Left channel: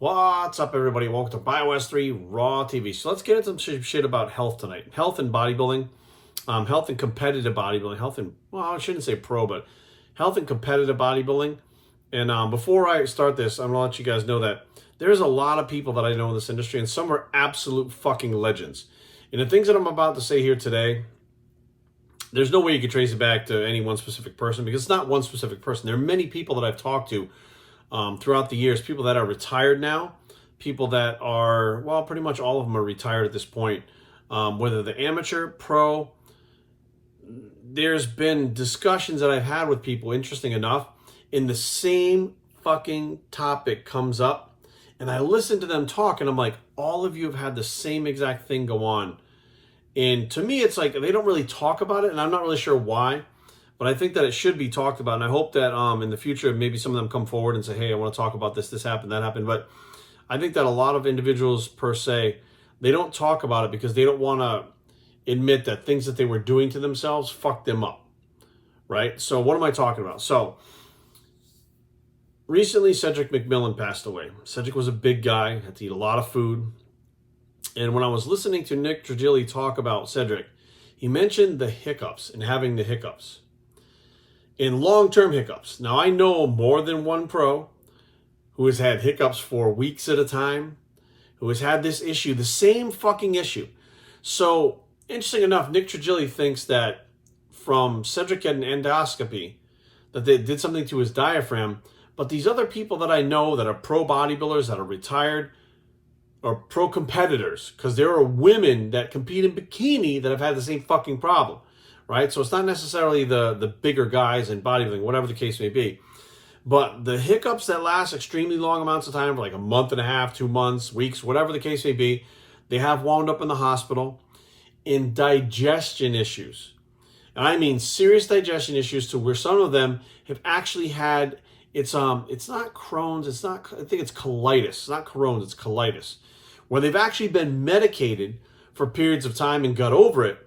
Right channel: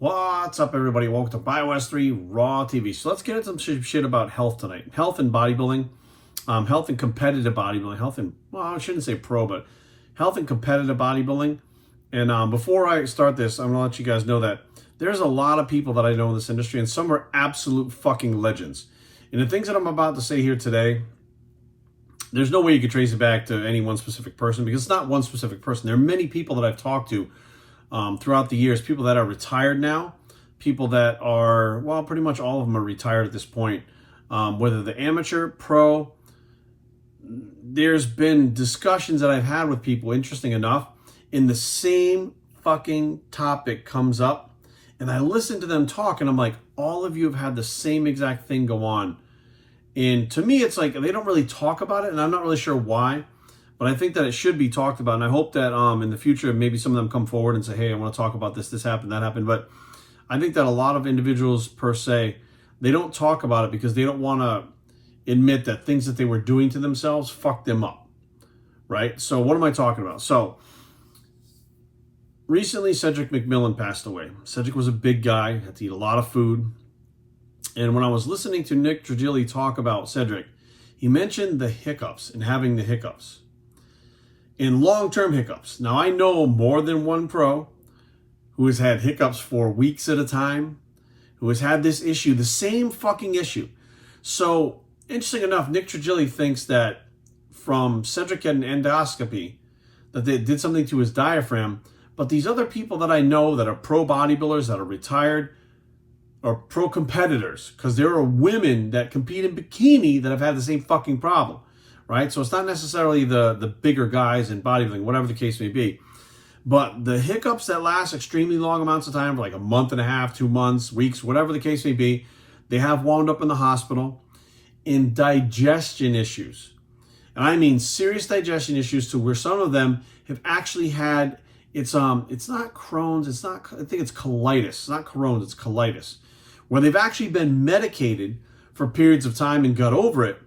What's up, everybody? Welcome to BioS 3 Raw TV. So let's get into some shit about health tonight. Health and bodybuilding, health and competitive bodybuilding, health and, well, I shouldn't say pro, but health and competitive bodybuilding. And before I start this, I'm going to let you guys know that there's a lot of people that I know in this industry, and some are absolute fucking legends. And the things that I'm about to say here today, there's no way you can trace it back to any one specific person, because it's not one specific person. There are many people that I've talked to throughout the years, people that are retired now, people that are, well, pretty much all of them are retired at this point, whether the amateur, pro. There's been discussions that I've had with people, interesting enough, in the same fucking topic comes up, and I listen to them talk, and I'm like, all of you have had the same exact thing go on. And to me, it's like they don't really talk about it, and I'm not really sure why. But I think that it should be talked about, and I hope that in the future, maybe some of them come forward and say, hey, I want to talk about this, this happened, that happened. But I think that a lot of individuals, per se, they don't talk about it because they don't want to admit that things that they were doing to themselves fucked them up, right? So what am I talking about? So recently, Cedric McMillan passed away. Cedric was a big guy, had to eat a lot of food. And when I was listening to Nick Trigili talk about Cedric, he mentioned the hiccups and having the hiccups. In long-term hiccups. Now, I know more than one pro who has had hiccups for weeks at a time, who has had this issue, the same fucking issue. So, interesting enough, Nick Trigili thinks that from Cedric getting an endoscopy, that they did something to his diaphragm, but these other people that I know that are pro bodybuilders, that are retired, or pro competitors, because there are women that compete in bikini that have had the same fucking problem. Right? So it's not necessarily the bigger guys in bodybuilding, whatever the case may be. But the hiccups that last extremely long amounts of time, for like a month and a half, 2 months, weeks, whatever the case may be, they have wound up in the hospital in digestion issues. And I mean serious digestion issues, to where some of them have actually had, it's not Crohn's, I think it's colitis. It's not Crohn's, it's colitis. Where they've actually been medicated for periods of time and got over it,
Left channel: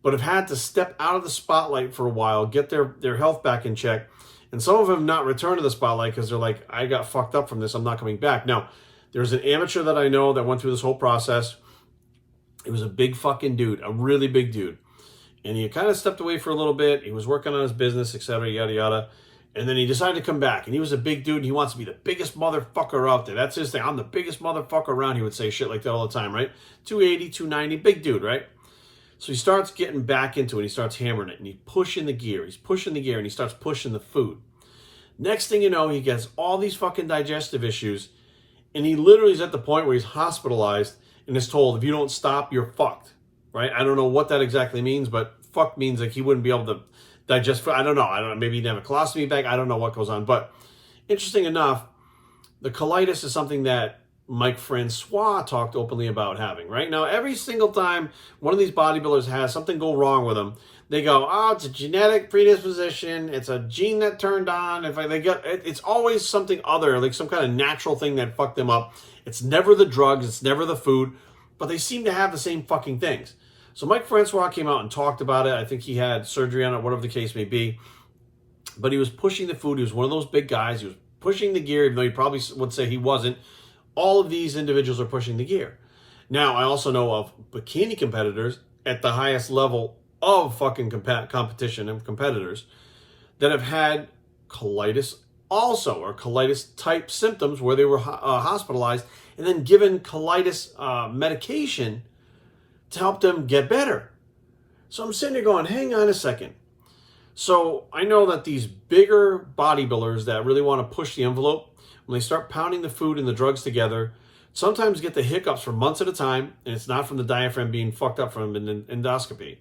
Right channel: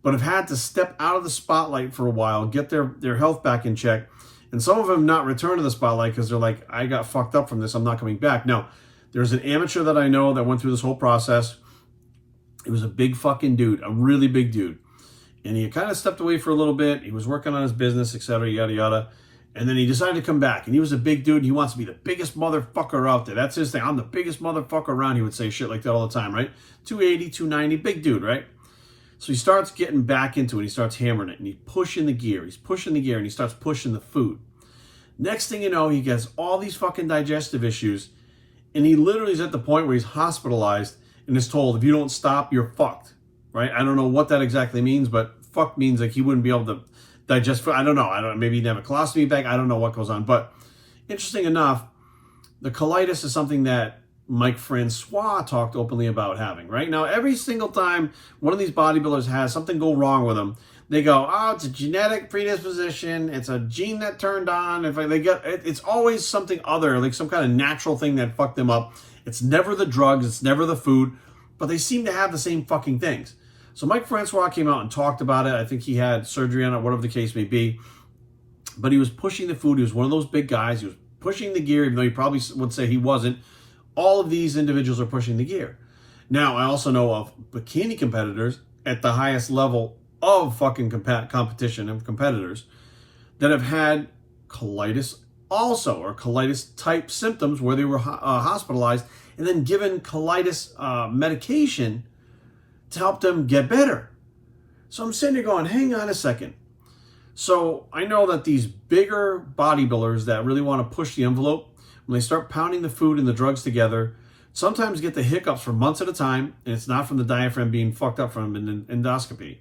but have had to step out of the spotlight for a while, get their health back in check. And some of them not return to the spotlight because they're like, I got fucked up from this, I'm not coming back. Now, there's an amateur that I know that went through this whole process. He was a big fucking dude, a really big dude. And he kind of stepped away for a little bit. He was working on his business, etc., yada, yada. And then he decided to come back. And he was a big dude, and he wants to be the biggest motherfucker out there. That's his thing. I'm the biggest motherfucker around. He would say shit like that all the time, right? 280, 290, big dude, right? So he starts getting back into it. He starts hammering it, and he's pushing the gear. He's pushing the gear, and he starts pushing the food. Next thing you know, he gets all these fucking digestive issues, and he literally is at the point where he's hospitalized and is told, if you don't stop, you're fucked, right? I don't know what that exactly means, but fuck means like he wouldn't be able to digest food. I don't know. Maybe he didn't have a colostomy bag. I don't know what goes on. But interesting enough, the colitis is something that Mike Francois talked openly about having, right? Now, every single time one of these bodybuilders has something go wrong with them, they go, oh, it's a genetic predisposition. It's a gene that turned on. It's always something other, like some kind of natural thing that fucked them up. It's never the drugs. It's never the food. But they seem to have the same fucking things. So Mike Francois came out and talked about it. I think he had surgery on it, whatever the case may be. But he was pushing the food. He was one of those big guys. He was pushing the gear, even though you probably would say he wasn't. All of these individuals are pushing the gear. Now, I also know of bikini competitors at the highest level of fucking competition and competitors that have had colitis also, or colitis type symptoms where they were hospitalized and then given colitis medication to help them get better. So I'm sitting there going, hang on a second. So I know that these bigger bodybuilders that really want to push the envelope, when they start pounding the food and the drugs together, sometimes get the hiccups for months at a time, and it's not from the diaphragm being fucked up from an endoscopy.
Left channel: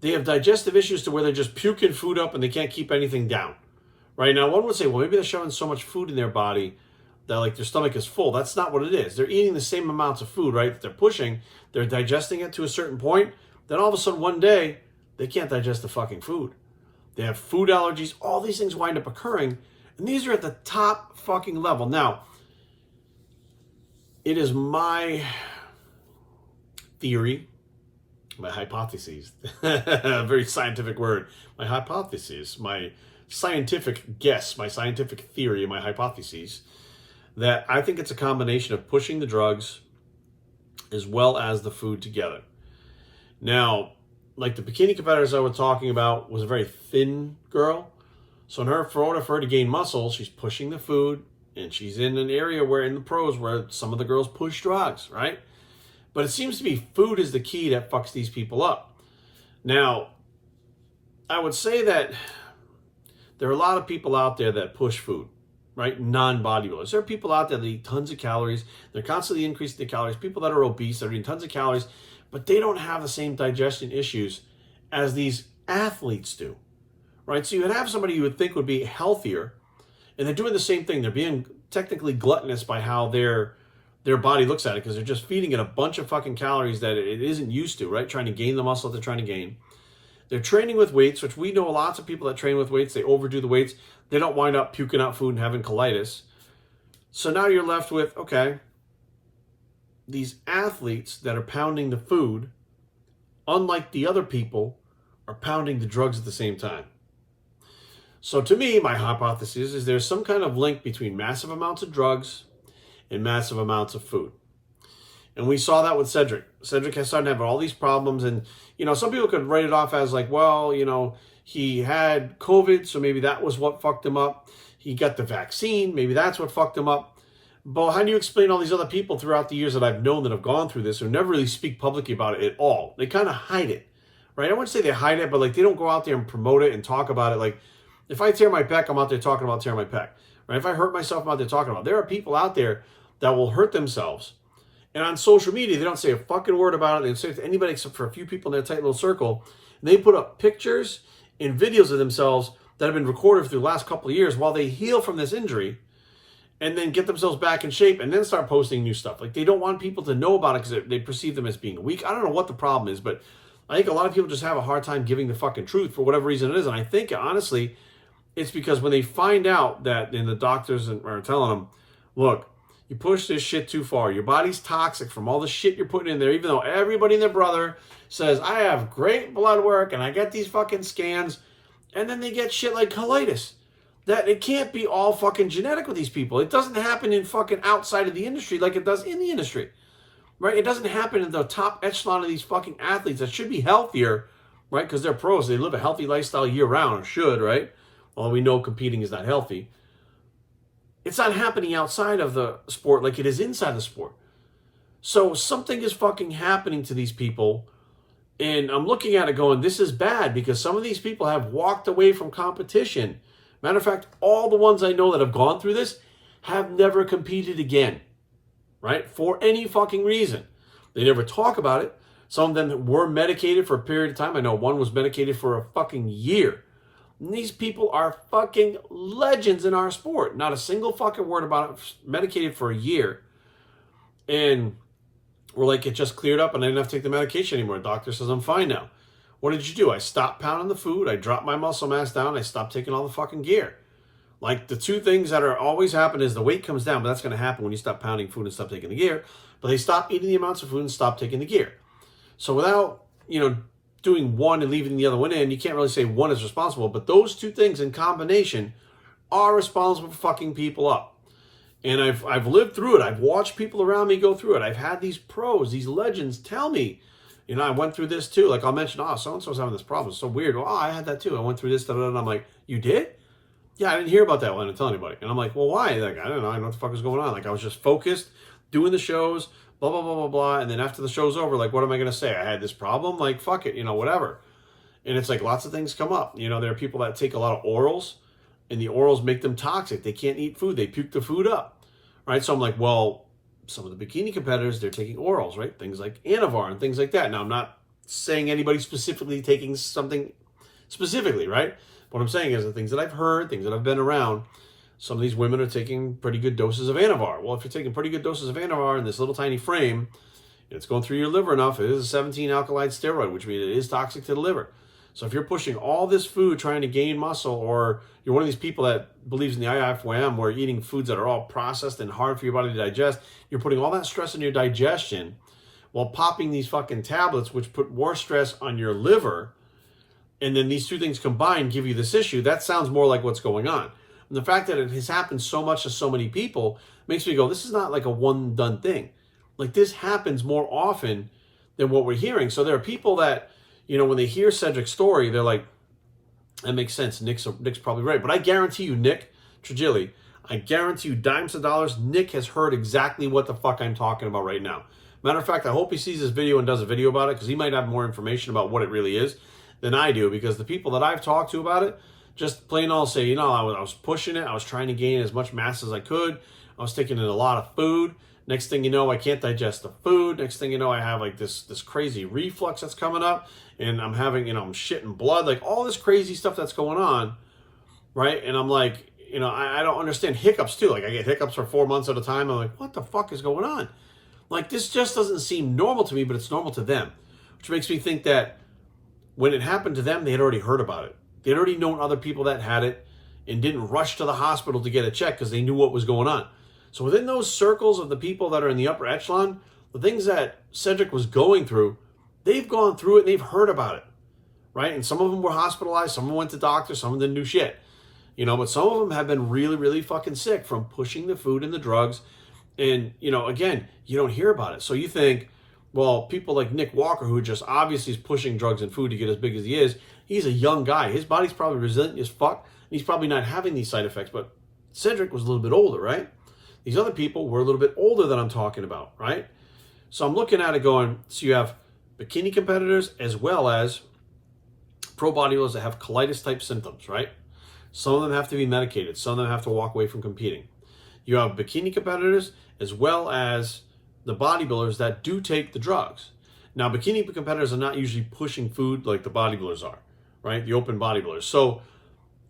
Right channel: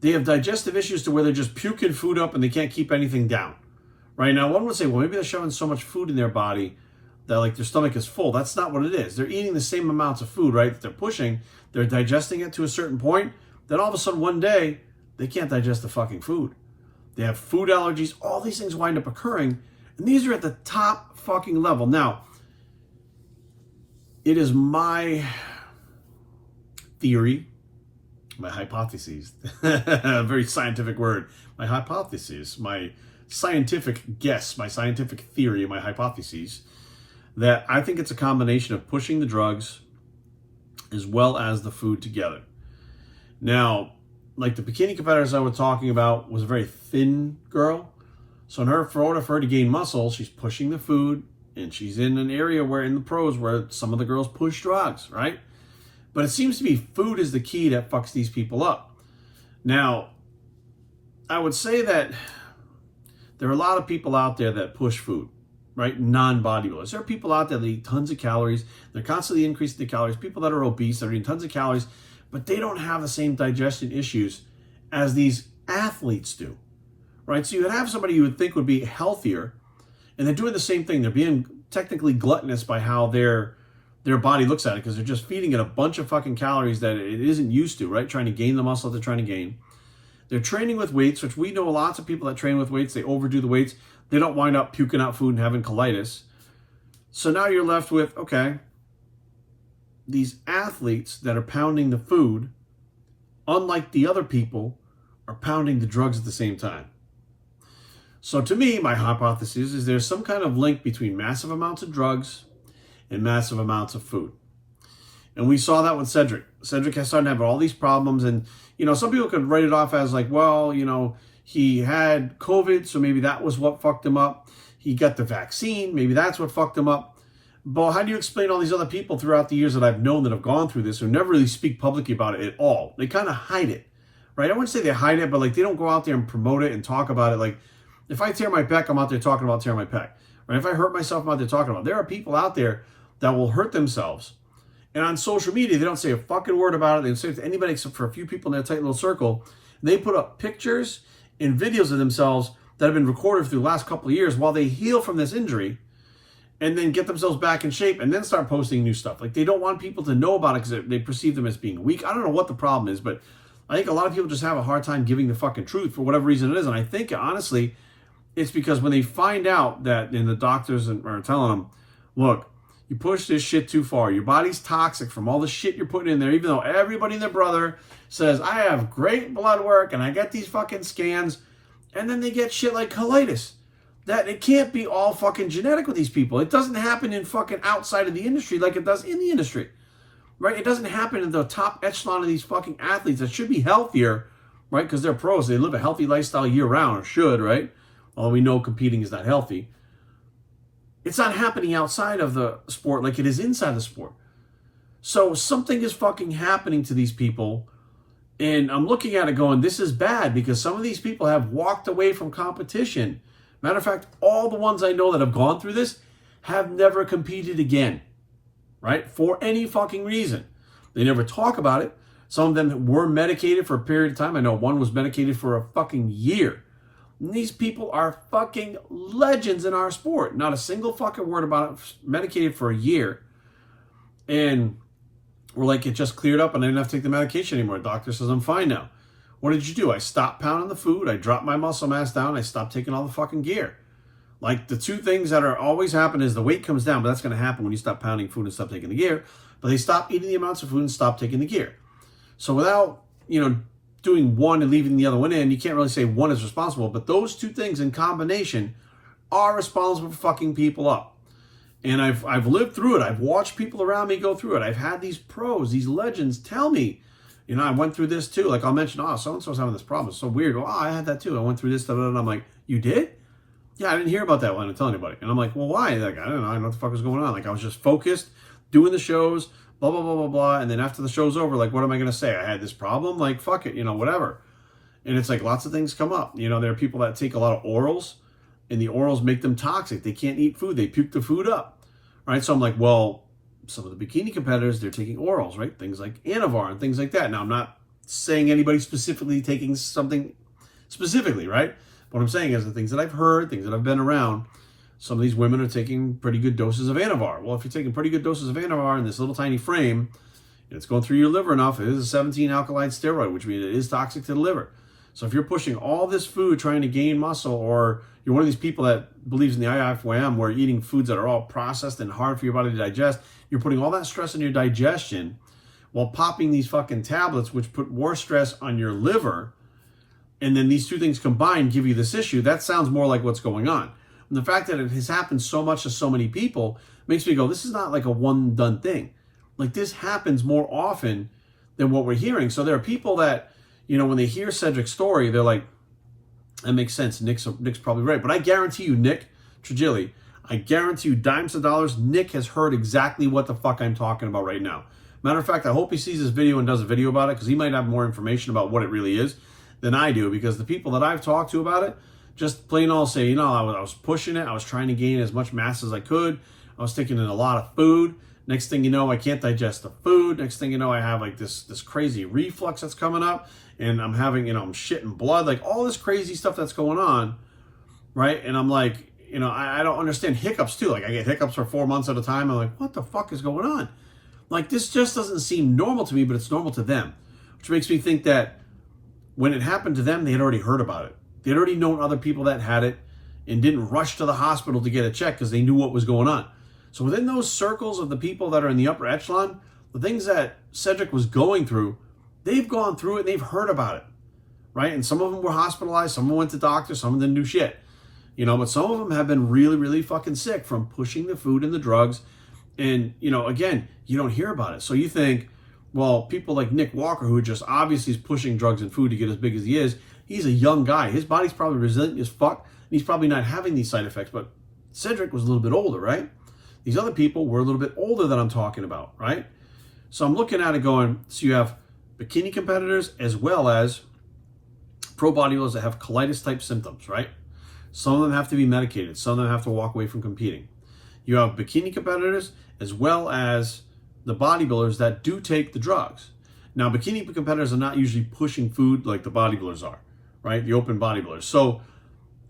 They have digestive issues to where they're just puking food up and they can't keep anything down. Right now, one would say, well, maybe they're shoving so much food in their body that like their stomach is full. That's not what it is. They're eating the same amounts of food, right? That they're pushing. They're digesting it to a certain point. Then all of a sudden, one day, they can't digest the fucking food. They have food allergies. All these things wind up occurring. And these are at the top fucking level. Now, it is my theory, my hypotheses, a very scientific word, my hypotheses, my scientific guess, my scientific theory, my hypotheses, that I think it's a combination of pushing the drugs as well as the food together. Now, like the bikini competitors I was talking about was a very thin girl. So in order for her to gain muscle, she's pushing the food, and she's in an area where in the pros where some of the girls push drugs, right? But it seems to be food is the key that fucks these people up. Now, I would say that there are a lot of people out there that push food, right? Non-bodybuilders. There are people out there that eat tons of calories. They're constantly increasing the calories. People that are obese, that are eating tons of calories, but they don't have the same digestion issues as these athletes do, right? So you would have somebody you would think would be healthier, and they're doing the same thing. They're being technically gluttonous by how their body looks at it, because they're just feeding it a bunch of fucking calories that it isn't used to, right? Trying to gain the muscle they're trying to gain. They're training with weights, which we know lots of people that train with weights, they overdo the weights. They don't wind up puking out food and having colitis. So now you're left with, okay, these athletes that are pounding the food, unlike the other people, are pounding the drugs at the same time. So to me, my hypothesis is there's some kind of link between massive amounts of drugs and massive amounts of food. And we saw that with Cedric. Cedric has started to have all these problems. And, some people could write it off as like, well, he had COVID, so maybe that was what fucked him up. He got the vaccine, maybe that's what fucked him up. But how do you explain all these other people throughout the years that I've known that have gone through this who never really speak publicly about it at all? They kind of hide it, right? I wouldn't say they hide it, but like they don't go out there and promote it and talk about it. Like if I tear my pec, I'm out there talking about tearing my pec, right? If I hurt myself, I'm out there talking about it. There are people out there that will hurt themselves. And on social media, they don't say a fucking word about it. They don't say it to anybody except for a few people in their tight little circle. And they put up pictures and videos of themselves that have been recorded through the last couple of years while they heal from this injury, and then get themselves back in shape and then start posting new stuff. Like they don't want people to know about it because they perceive them as being weak. I don't know what the problem is, but I think a lot of people just have a hard time giving the fucking truth for whatever reason it is. And I think, honestly, it's because when they find out that, and the doctors are telling them, look, you push this shit too far. Your body's toxic from all the shit you're putting in there, even though everybody and their brother says, I have great blood work and I get these fucking scans, and then they get shit like colitis. That it can't be all fucking genetic with these people. It doesn't happen in fucking outside of the industry like it does in the industry, right? It doesn't happen in the top echelon of these fucking athletes that should be healthier, right? Because they're pros. They live a healthy lifestyle year round, or should, right? Although we know competing is not healthy. It's not happening outside of the sport like it is inside the sport. So something is fucking happening to these people. And I'm looking at it going, this is bad, because some of these people have walked away from competition. Matter of fact, all the ones I know that have gone through this have never competed again, right? For any fucking reason. They never talk about it. Some of them were medicated for a period of time. I know one was medicated for a fucking year. And these people are fucking legends in our sport. Not a single fucking word about it. Medicated for a year. And we're like, it just cleared up and I didn't have to take the medication anymore. The doctor says I'm fine now. What did you do? I stopped pounding the food. I dropped my muscle mass down. I stopped taking all the fucking gear. Like the two things that are always happen is the weight comes down, but that's going to happen when you stop pounding food and stop taking the gear. But they stop eating the amounts of food and stop taking the gear. So without, doing one and leaving the other one in, you can't really say one is responsible, but those two things in combination are responsible for fucking people up. And I've lived through it. I've watched people around me go through it. I've had these pros, these legends tell me, I went through this too. Like I'll mention, so-and-so's having this problem. It's so weird. Well, I had that too. I went through this, and I'm like, you did? Yeah, I didn't hear about that when I didn't tell anybody. And I'm like, well, why? Like, I don't know what the fuck was going on. Like I was just focused, doing the shows, blah, blah, blah, blah, blah. And then after the show's over, like, what am I going to say? I had this problem? Like, fuck it, whatever. And it's like lots of things come up. There are people that take a lot of orals, and the orals make them toxic. They can't eat food. They puke the food up, right? So I'm like, well, some of the bikini competitors, they're taking orals, right? Things like Anavar and things like that. Now, I'm not saying anybody specifically taking something specifically, right? What I'm saying is the things that I've heard, things that I've been around, some of these women are taking pretty good doses of Anavar. Well, if you're taking pretty good doses of Anavar in this little tiny frame, it's going through your liver enough. It is a 17 alkaloid steroid, which means it is toxic to the liver. So if you're pushing all this food trying to gain muscle, or you're one of these people that believes in the IFYM, where eating foods that are all processed and hard for your body to digest, you're putting all that stress on your digestion while popping these fucking tablets, which put more stress on your liver, and then these two things combined give you this issue. That sounds more like what's going on. And the fact that it has happened so much to so many people makes me go, this is not like a one done thing. Like this happens more often than what we're hearing. So there are people that, you know, when they hear Cedric's story, they're like, that makes sense. Nick's probably right. But I guarantee you, Nick Trigili, I guarantee you dimes to dollars, Nick has heard exactly what the fuck I'm talking about right now. Matter of fact, I hope he sees this video and does a video about it, because he might have more information about what it really is than I do, because the people that I've talked to about it just plain all say, you know, I was pushing it. I was trying to gain as much mass as I could. I was taking in a lot of food. Next thing you know, I can't digest the food. Next thing you know, I have like this crazy reflux that's coming up, and I'm having, you know, I'm shitting blood, like all this crazy stuff that's going on, right? And I'm like, you know, I don't understand hiccups too. Like I get hiccups for 4 months at a time. I'm like, what the fuck is going on? Like this just doesn't seem normal to me, but it's normal to them, which makes me think that when it happened to them, they had already heard about it. They'd already known other people that had it and didn't rush to the hospital to get a check because they knew what was going on. So within those circles of the people that are in the upper echelon, the things that Cedric was going through, they've gone through it and they've heard about it, right? And some of them were hospitalized, some of them went to doctors, some of them didn't do shit, you know, but some of them have been really, really fucking sick from pushing the food and the drugs. And, you know, again, you don't hear about it. So you think, well, people like Nick Walker, who just obviously is pushing drugs and food to get as big as he is, he's a young guy. His body's probably resilient as fuck, and he's probably not having these side effects. But Cedric was a little bit older, right? These other people were a little bit older than I'm talking about, right? So I'm looking at it going, so you have bikini competitors as well as pro bodybuilders that have colitis-type symptoms, right? Some of them have to be medicated. Some of them have to walk away from competing. You have bikini competitors as well as the bodybuilders that do take the drugs. Now, bikini competitors are not usually pushing food like the bodybuilders are, right? The open bodybuilders. So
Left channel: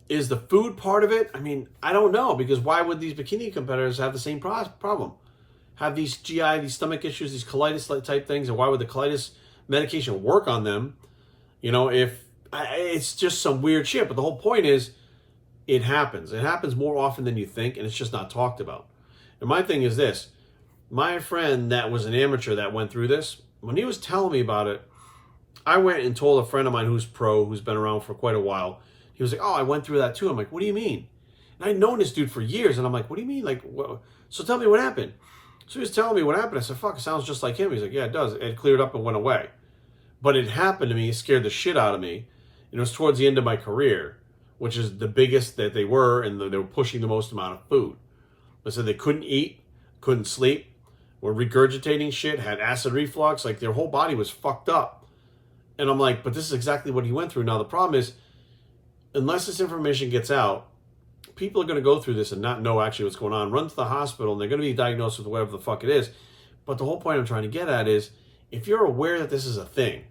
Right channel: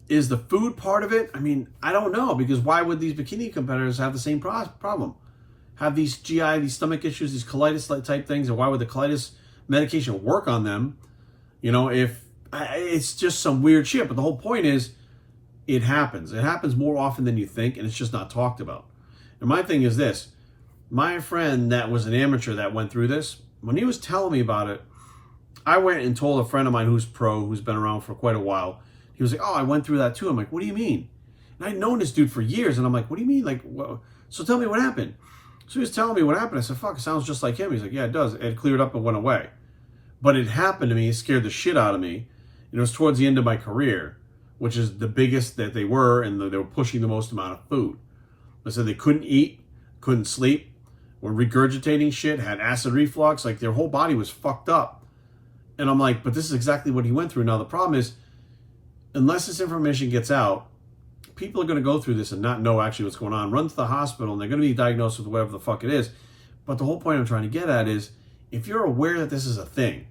is the food part of it? I mean, I don't know, because why would these bikini competitors have the same problem? Have these GI, these stomach issues, these colitis type things, and why would the colitis medication work on them? You know, if it's just some weird shit. But the whole point is, it happens. It happens more often than you think, and it's just not talked about. And my thing is this. My friend that was an amateur that went through this, when he was telling me about it, I went and told a friend of mine who's pro, who's been around for quite a while. He was like, oh, I went through that too. I'm like, what do you mean? And I'd known this dude for years, and I'm like, what do you mean? Like, what? So tell me what happened. So he was telling me what happened. I said, fuck, it sounds just like him. He's like, yeah, it does. It cleared up and went away. But it happened to me. It scared the shit out of me. And it was towards the end of my career, which is the biggest that they were, and they were pushing the most amount of food. They said they couldn't eat, couldn't sleep, were regurgitating shit, had acid reflux, like their whole body was fucked up. And I'm like, but this is exactly what he went through. Now, the problem is, unless this information gets out, people are going to go through this and not know actually what's going on, run to the hospital, and they're going to be diagnosed with whatever the fuck it is. But the whole point I'm trying to get at is, if you're aware that this is a thing,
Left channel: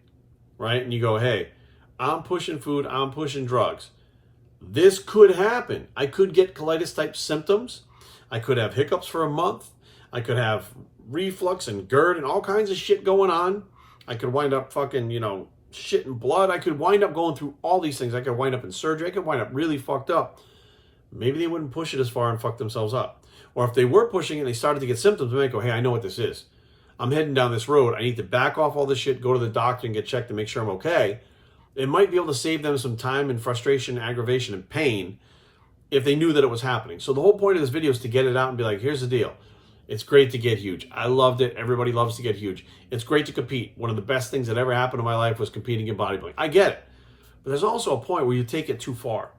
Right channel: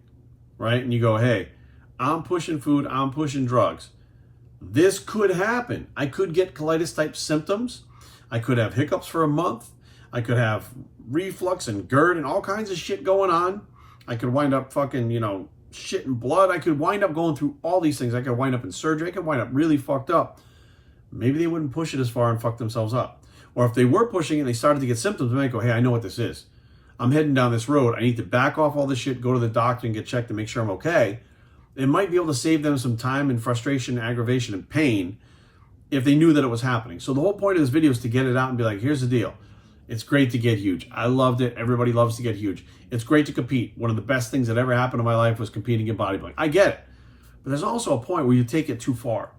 right, and you go, hey, I'm pushing food, I'm pushing drugs, this could happen. I could get colitis-type symptoms. I could have hiccups for a month. I could have reflux and GERD and all kinds of shit going on. I could wind up fucking, you know, shitting blood. I could wind up going through all these things. I could wind up in surgery. I could wind up really fucked up. Maybe they wouldn't push it as far and fuck themselves up. Or if they were pushing it and they started to get symptoms, they might go, hey, I know what this is. I'm heading down this road. I need to back off all this shit, go to the doctor and get checked to make sure I'm okay. It might be able to save them some time and frustration, aggravation, and pain if they knew that it was happening. So the whole point of this video is to get it out and be like, here's the deal. It's great to get huge. I loved it. Everybody loves to get huge. It's great to compete. One of the best things that ever happened in my life was competing in bodybuilding. I get it. But there's also a point where you take it too far.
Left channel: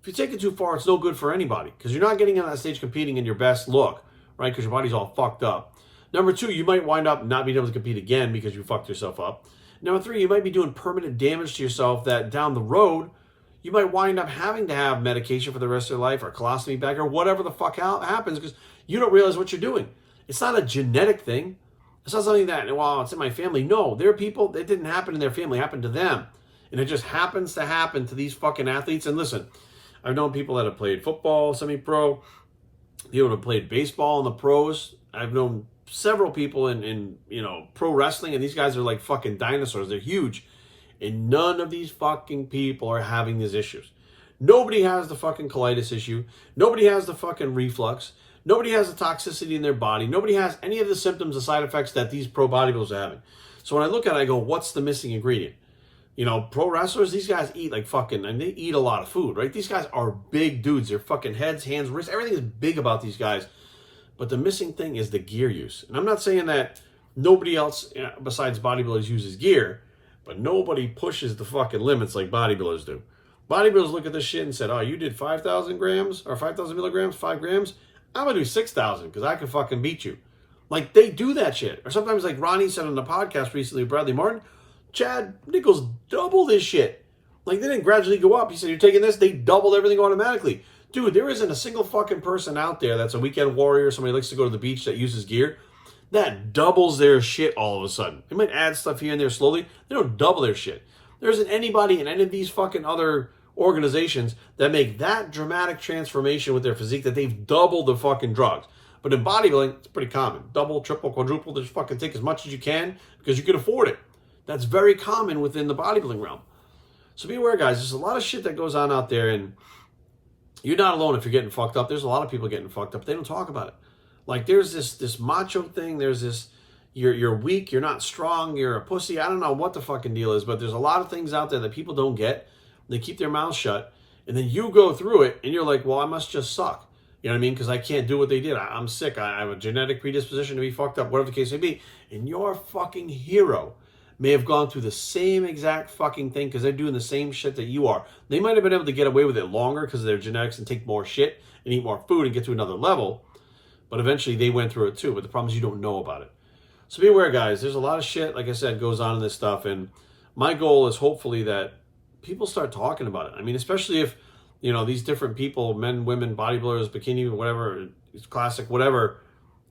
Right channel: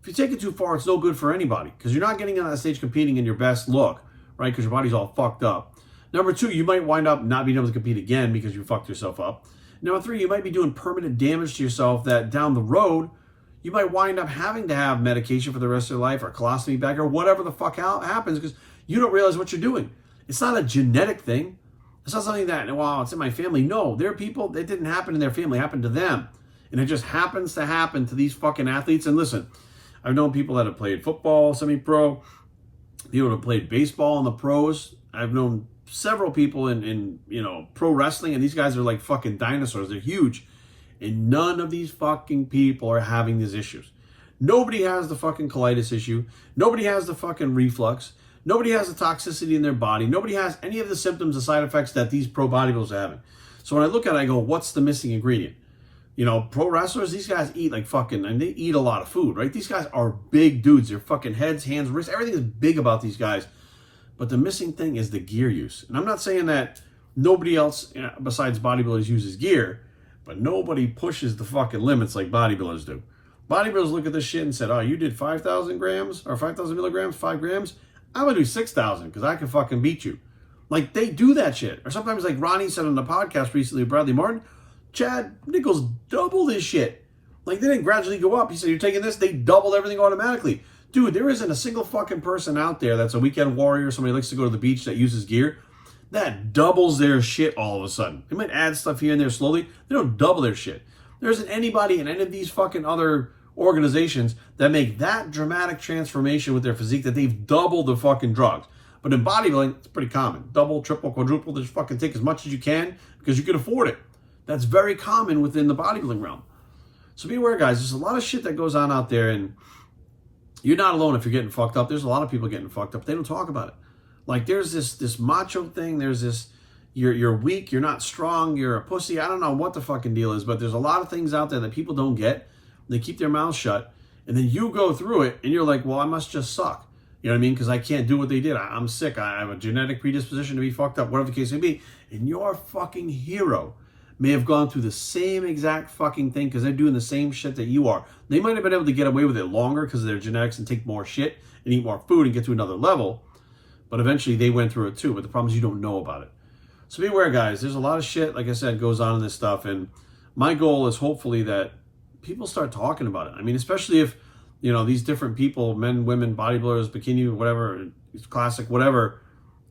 If you take it too far, it's no good for anybody, because you're not getting on that stage competing in your best look, right? Because your body's all fucked up. Number two, you might wind up not being able to compete again because you fucked yourself up. Number three, you might be doing permanent damage to yourself that down the road, you might wind up having to have medication for the rest of your life, or colostomy bag, or whatever the fuck happens, because you don't realize what you're doing. It's not a genetic thing. It's not something that, well, it's in my family. No, there are people, it didn't happen in their family, it happened to them. And it just happens to happen to these fucking athletes. And listen, I've known people that have played football, semi-pro, people that have played baseball in the pros. I've known several people in you know, pro wrestling, and these guys are like fucking dinosaurs. They're huge. And none of these fucking people are having these issues. Nobody has the fucking colitis issue. Nobody has the fucking reflux. Nobody has the toxicity in their body. Nobody has any of the symptoms, the side effects that these pro bodybuilders are having. So when I look at it, I go, what's the missing ingredient? Pro wrestlers, these guys eat like fucking, and they eat a lot of food, right? These guys are big dudes. Their fucking heads, hands, wrists, everything is big about these guys. But the missing thing is the gear use. And I'm not saying that nobody else besides bodybuilders uses gear, but nobody pushes the fucking limits like bodybuilders do. Bodybuilders look at this shit and said, oh, you did 5,000 grams or 5,000 milligrams, 5 grams? I'm going to do 6,000 because I can fucking beat you. Like, they do that shit. Or sometimes, like Ronnie said on the podcast recently, Bradley Martin, Chad Nichols doubled his shit. Like, they didn't gradually go up. He said, you're taking this? They doubled everything automatically. Dude, there isn't a single fucking person out there that's a weekend warrior, somebody likes to go to the beach that uses gear, that doubles their shit all of a sudden. They might add stuff here and there slowly. They don't double their shit. There isn't anybody in any of these fucking other organizations that make that dramatic transformation with their physique that they've doubled the fucking drugs. But in bodybuilding, it's pretty common. Double, triple, quadruple, just fucking take as much as you can because you can afford it. That's very common within the bodybuilding realm. So be aware, guys. There's a lot of shit that goes on out there, and you're not alone if you're getting fucked up. There's a lot of people getting fucked up. They don't talk about it. Like, there's this macho thing. There's this, you're weak, you're not strong, you're a pussy. I don't know what the fucking deal is, but there's a lot of things out there that people don't get. They keep their mouths shut, and then you go through it, and you're like, well, I must just suck. You know what I mean? Because I can't do what they did. I'm sick. I have a genetic predisposition to be fucked up, whatever the case may be. And your fucking hero may have gone through the same exact fucking thing because they're doing the same shit that you are. They might have been able to get away with it longer because of their genetics and take more shit and eat more food and get to another level. But eventually they went through it too. But the problem is you don't know about it. So be aware, guys. There's a lot of shit, like I said, goes on in this stuff. And my goal is hopefully that people start talking about it. I mean, especially if, these different people, men, women, bodybuilders, bikini, whatever, classic, whatever,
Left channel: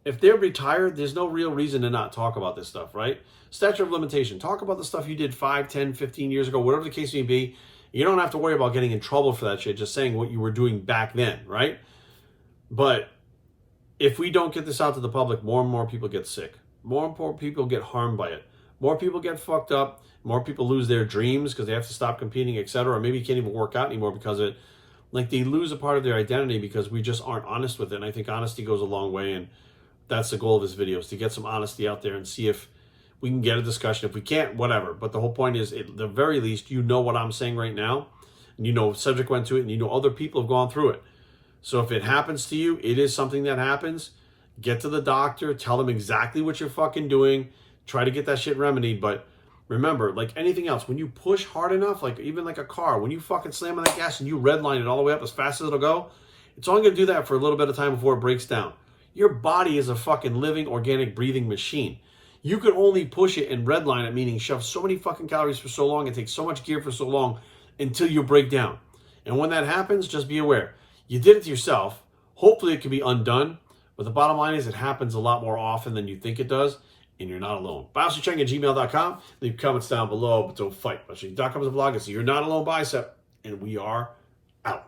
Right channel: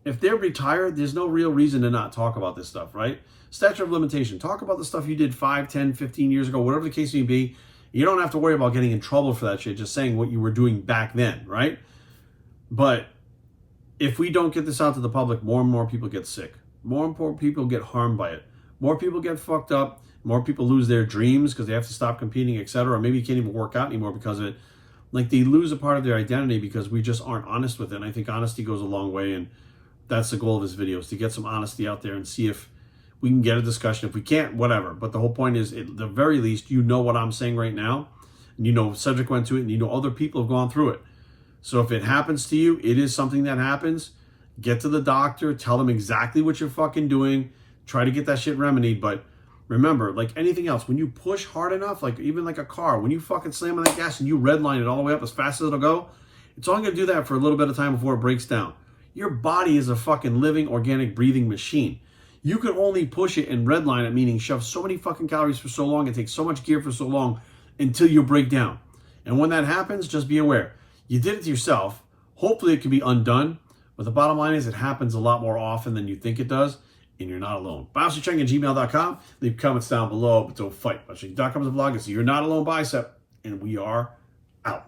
if they're retired, there's no real reason to not talk about this stuff, right? Statute of limitation. Talk about the stuff you did 5, 10, 15 years ago, whatever the case may be. You don't have to worry about getting in trouble for that shit, just saying what you were doing back then, right? But if we don't get this out to the public, more and more people get sick. More and more people get harmed by it. More people get fucked up. More people lose their dreams because they have to stop competing, etc. Or maybe you can't even work out anymore because of it. Like, they lose a part of their identity because we just aren't honest with it. And I think honesty goes a long way. And that's the goal of this video, is to get some honesty out there and see if we can get a discussion. If we can't, whatever. But the whole point is, at the very least, you know what I'm saying right now. And Cedric went to it, and other people have gone through it. So if it happens to you, it is something that happens. Get to the doctor. Tell them exactly what you're fucking doing. Try to get that shit remedied. But remember, like anything else, when you push hard enough, like even like a car, when you fucking slam on that gas and you redline it all the way up as fast as it'll go, it's only going to do that for a little bit of time before it breaks down. Your body is a fucking living, organic, breathing machine. You can only push it and redline it, meaning shove so many fucking calories for so long and take so much gear for so long until you break down. And when that happens, just be aware. You did it to yourself. Hopefully it can be undone. But the bottom line is it happens a lot more often than you think it does. And you're not alone. BiopsyChecking@gmail.com. Leave comments down below, but don't fight. BiopsyChecking.com is a blog. It's You're Not Alone Bicep. And we are out.